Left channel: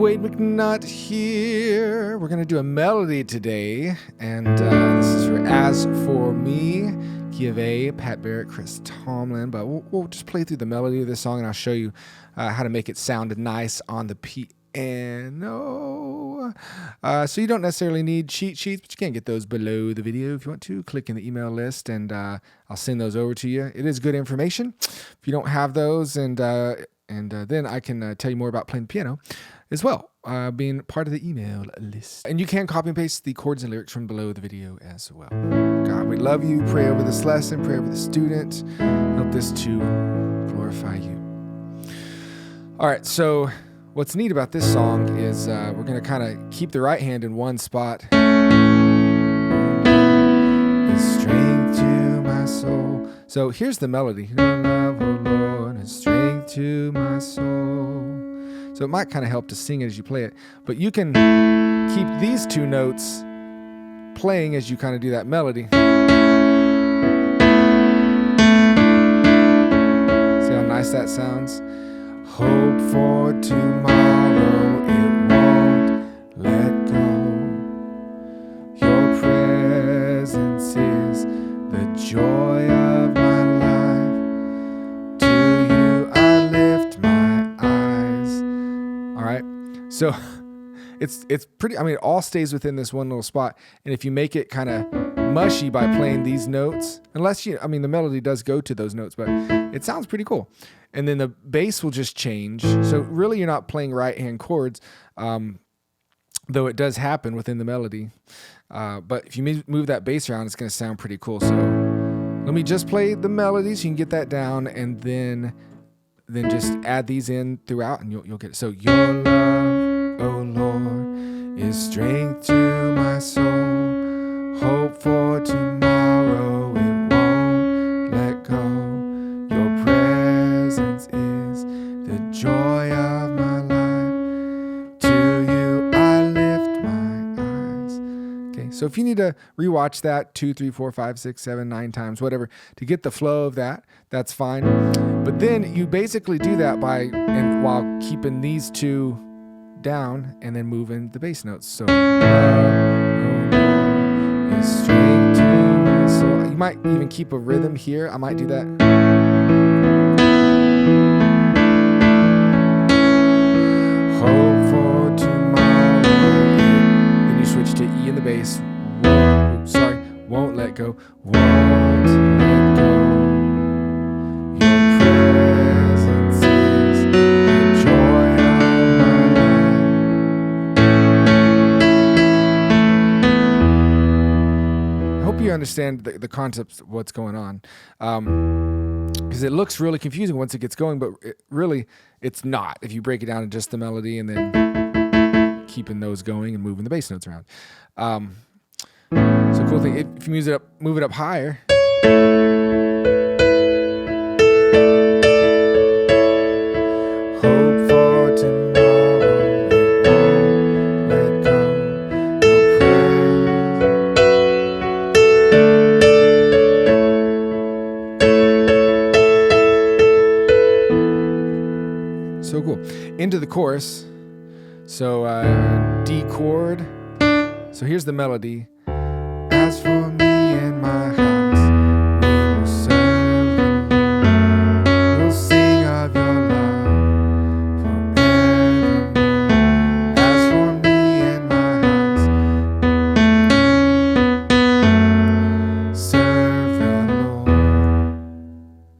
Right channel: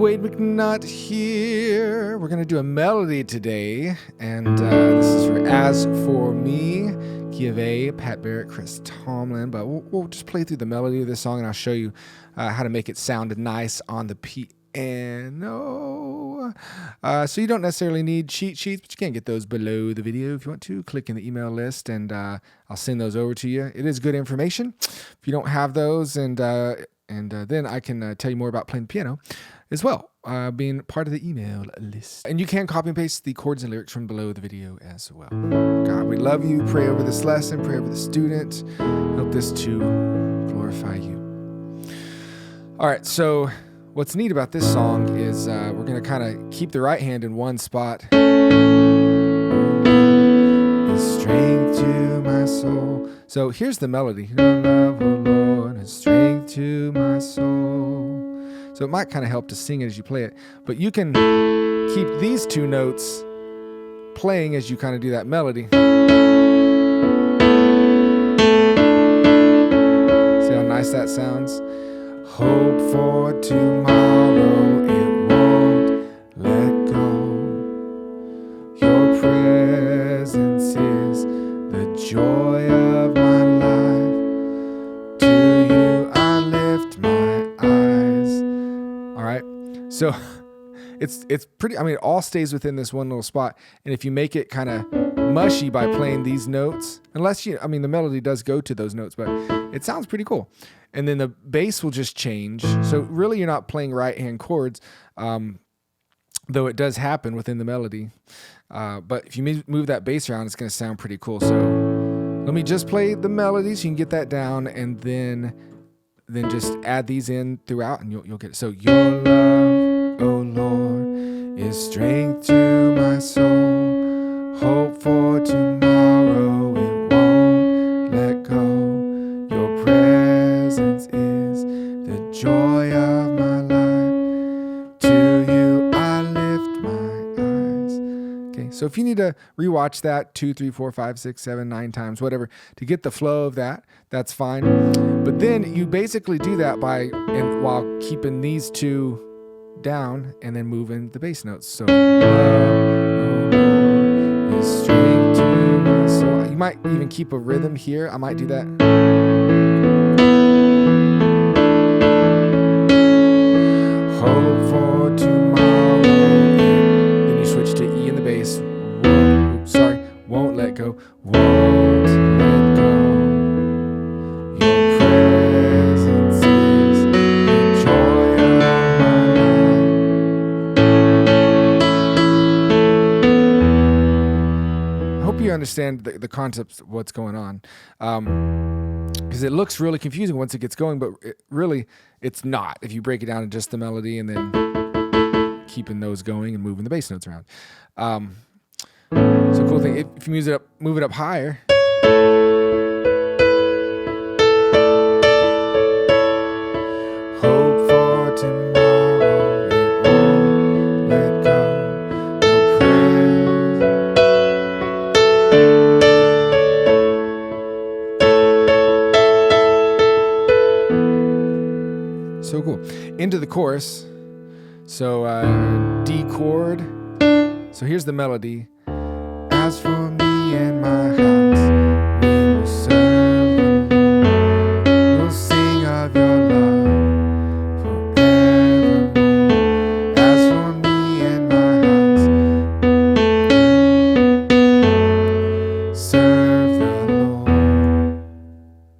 Wade McNutt here. We're going to do a melody today, and this is for As For Me, key of A, Pat Barrett, Chris Tomlin, but we'll just play through the melody of this song, and I'll show you how to make it sound nice on the piano. So you don't necessarily need cheat sheets, but you can get those below the video if you want to. Click in the email list, and I'll send those over to you. It is good information. If you don't have those, and then I can tell you more about playing the piano as well, being part of the email list. And you can copy and paste the chords and lyrics from below the video as well. God, we love you. Pray over this lesson. Pray over the student. Help this to glorify you. All right, so what's neat about this song is we're going to kind of keep the right hand in one spot. Is strength to my soul. So here's the melody. Your love, oh Lord, is strength to my soul. So it might kind of help to sing it as you play it, but you can keep these two notes playing as you kind of do that melody. See how nice that sounds? Hope for tomorrow, it won't let go. Your presence is the joy of my life. To you I lift my eyes. All right, so it's pretty, I mean, it all stays within this one little spot. And if you make it kind of mushy by playing these notes, unless you, I mean, the melody does go to those notes, but it sounds pretty cool. And then the bass will just change. So really you're not playing right hand chords, though it does happen within the melody. But if you move that bass around, it's going to sound pretty cool. So let me just play the melody so you can get that down, and then just add these in throughout, and you'll get it. So your love, oh Lord, is strength to my soul. Hope for tomorrow, it won't let go. Your presence is the joy of my life. To you I lift my eyes. Okay, so if you need to rewatch that 2, 3, 4, 5, 6, 7, 9 times, whatever, to get the flow of that, that's fine. But then you basically do that while keeping these two down and then moving the bass notes. So love, oh Lord, is strength to my soul. You might even keep a rhythm here. I might do that. Hope for tomorrow. Then you switch to E in the bass. Won't let go. Won't let go. Your presence is the joy of my life. I hope you understand the concept of what's going on. Because it looks really confusing once it gets going, but it's not if you break it down to just the melody and then keeping those going and moving the bass notes around. So cool thing, if you move it up higher. Hope for tomorrow, it won't let go. No praise. So cool. Into the chorus. So D chord. So here's the melody. As for me and my house, we will serve the Lord. We'll sing of your love forevermore. As for me and my house, serve the Lord.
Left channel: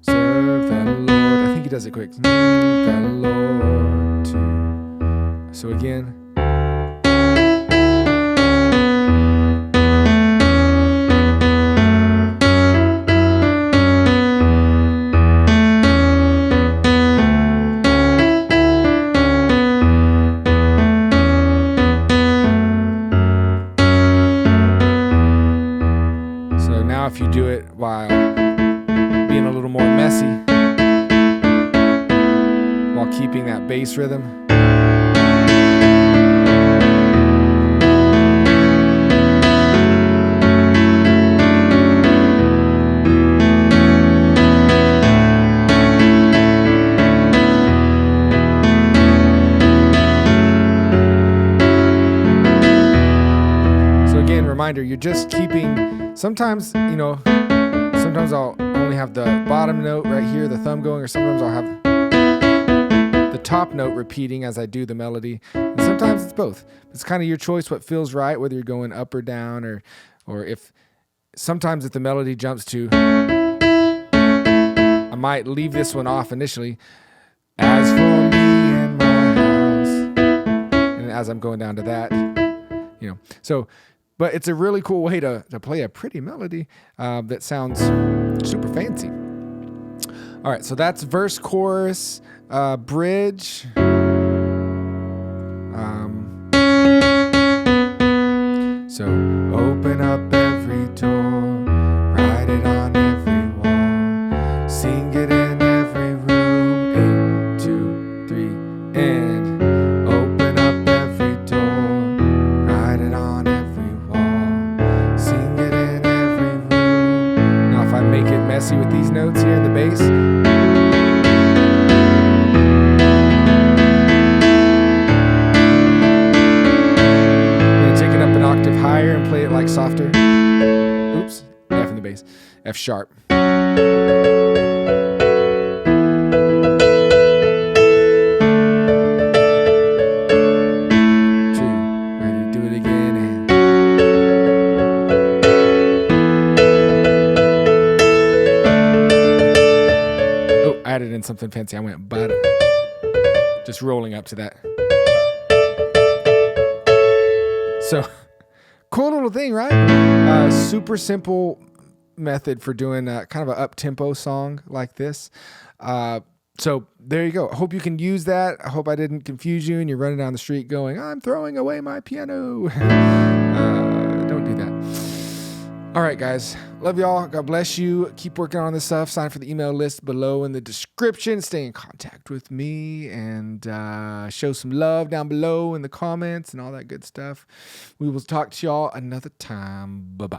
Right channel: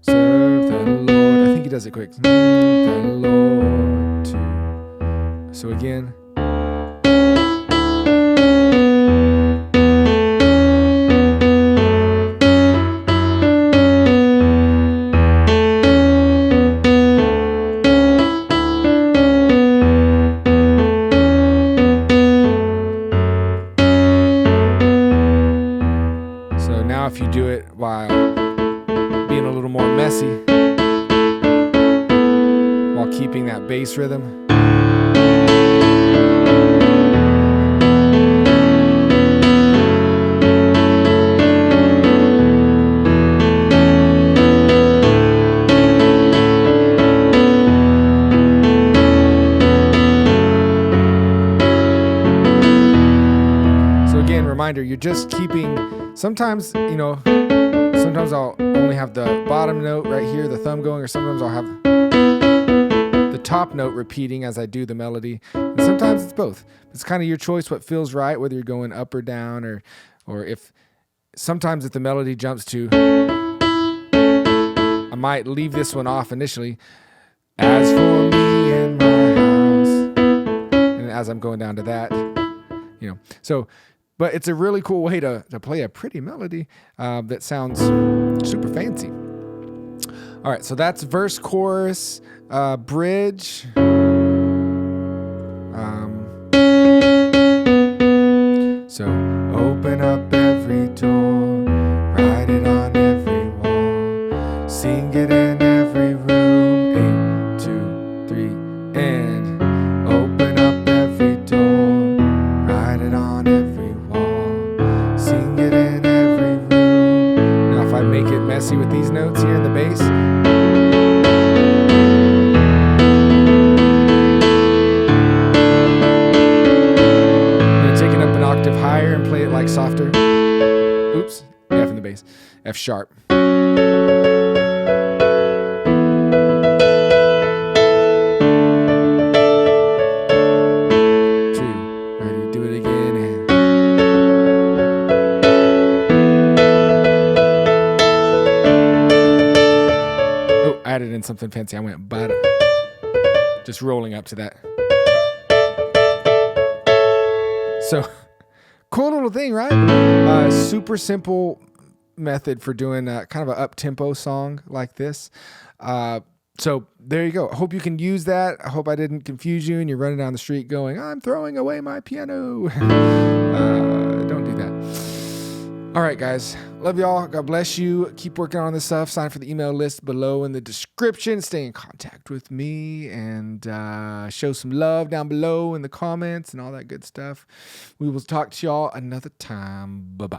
Serve the Lord. I think he does it quick. Serve the Lord too. So again. Now if you do it while being a little more messy, while keeping that bass rhythm. reminder, you're just keeping, sometimes I'll only have the bottom note right here, the thumb going, or sometimes I'll have the top note repeating as I do the melody. And sometimes it's both. It's kind of your choice what feels right, whether you're going up or down, or if the melody jumps to, I might leave this one off initially. As for me and my house. And as I'm going down to that, So, but it's a really cool way to play a pretty melody that sounds super fancy. All right, so that's verse, chorus, bridge. So open up every door, write it on every wall, sing it in every room, 8, 2, 3, and open up every door, write it on every wall, sing it in every room. Now if I make it messy with these notes here in the bass, take it up an octave higher and play it like softer. Oops, F in the bass, F sharp. 2, ready, do it again, and oh, I added in something fancy. I went but, just rolling up to that. So, cool little thing, right? Super simple method for doing kind of an up-tempo song like this. So there you go. I hope you can use that. I hope I didn't confuse you and you're running down the street going, I'm throwing away my piano. Don't do that. All right, guys. Love y'all. God bless you. Keep working on this stuff. Sign for the email list below in the description. Stay in contact with me and show some love down below in the comments and all that good stuff. We will talk to y'all another time. Bye-bye.